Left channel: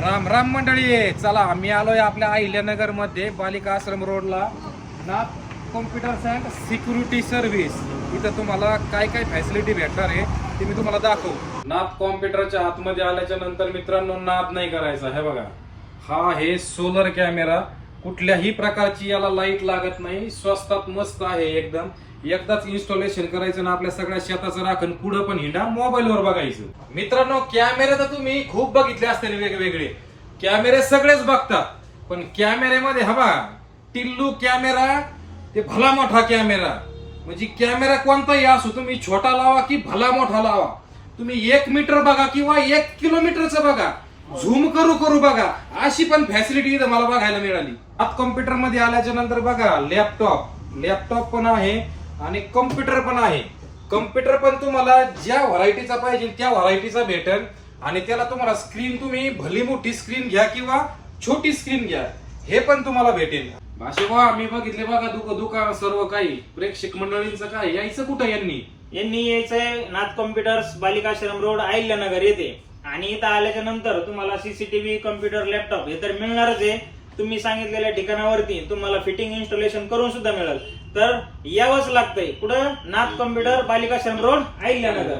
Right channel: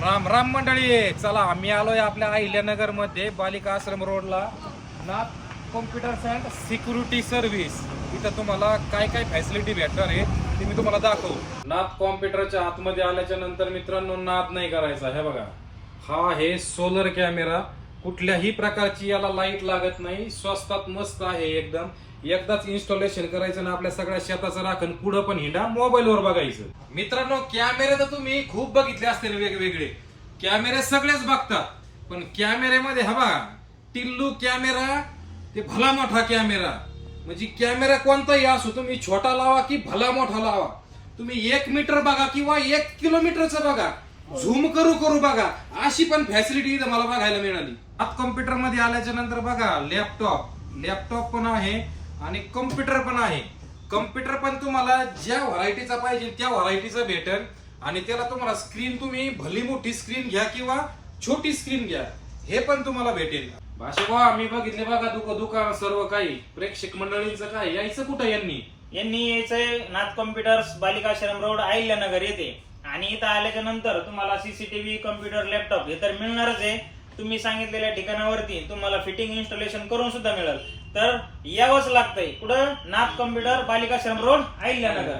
राम राम मंडळी, चला आम्ही आलोय आपल्या अहिल्यानगर मध्ये बालिका आश्रम रोडला नाथ कॉम्प्युटर्स अँड सिक्युरिटी सर्व्हिस. इथं तुम्हाला काय काय फॅसिलिटी भेटणार आहे ते मी तुम्हाला दाखवू. नाथ कॉम्प्युटरच्या आतमध्ये आल्याच्या नंतर मित्रांनो नाद नाही करायचा. हे बघा, हा आहे सोलर कॅमेरा. कुठल्याही प्रकारची याला लाईट लागत नाही, स्वस्तात मस्त आहे एकदम. एकदाच इन्स्टॉलेशन करायचं ना आपल्या सगळ्या शेताचं राखण पुढं पण हिंडा मोबाईलवर बघायचं. मित्रांनो, कॅमेरे तर तुम्ही खूप बघितले असतील, वेगवेगळे कॅमेरे सगळेच बघतात, पण कॅमेऱ्यामध्ये हवा टिल्लू कॅमेरा ते भला मोठा कॅमेरा. म्हणजे कॅमेरा कोणताही असो, तुम्ही छोटा लावा की भला मोठा लावा, तुम्ही 1 मीटर बघा किंवा 1 किलोमीटरचं बघा, झूम करू बघा, अशी पण फॅसिलिटी इथं मला बघायला मिळाली. आता कॉम्प्युटर मध्ये आल्याच्या नंतर बघा लॅपटॉप पण आहे आणि कॉम्प्युटर पण आहे. कॉम्प्युटर पण तुम्हाला ज्या व्हरायटीचा पाहिजे त्या व्हरायटीचा भेटेल आणि त्याला तुम्हाला स्क्रीन तुम्ही भली मोठी स्क्रीन घ्या किंवा छोटी स्क्रीन घ्या, हे पण तुम्हाला भेटेल. भाषा मी बघितले बघा दुकान सर्व काही. प्रेक्षक मंडळींचं काय यायचं कुठं यांनी यायचंय नाथ कॉम्प्युटर्स बालिकाश्रम रोड अहिल्यानगर येथे. आणि इथं आल्याच्या नंतर तुम्हाला सीसीटीव्ही, कॉम्प्युटर, लॅपटॉप हे तर मिळणारच आहे. तुम्ही सांगितलेल्या ठिकाणावरती तुम्हाला फिटिंग इन्स्टॉलेशन करून सुद्धा मिळेल. तर यावंच लागतंय कुठं, नाथ कॉम्प्युटर बालिकाश्रम रोड अहिल्यानगर.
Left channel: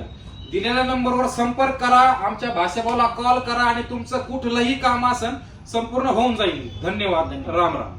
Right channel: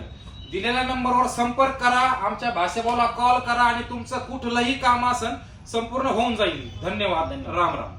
दिलेल्या नंबरवर संपर्क करा, आमच्या भाषाभाऊला कॉल करा आणि तुमचं कुठलंही काम असेल संपूर्ण होऊन जाईल. धन्यवाद. राम राम.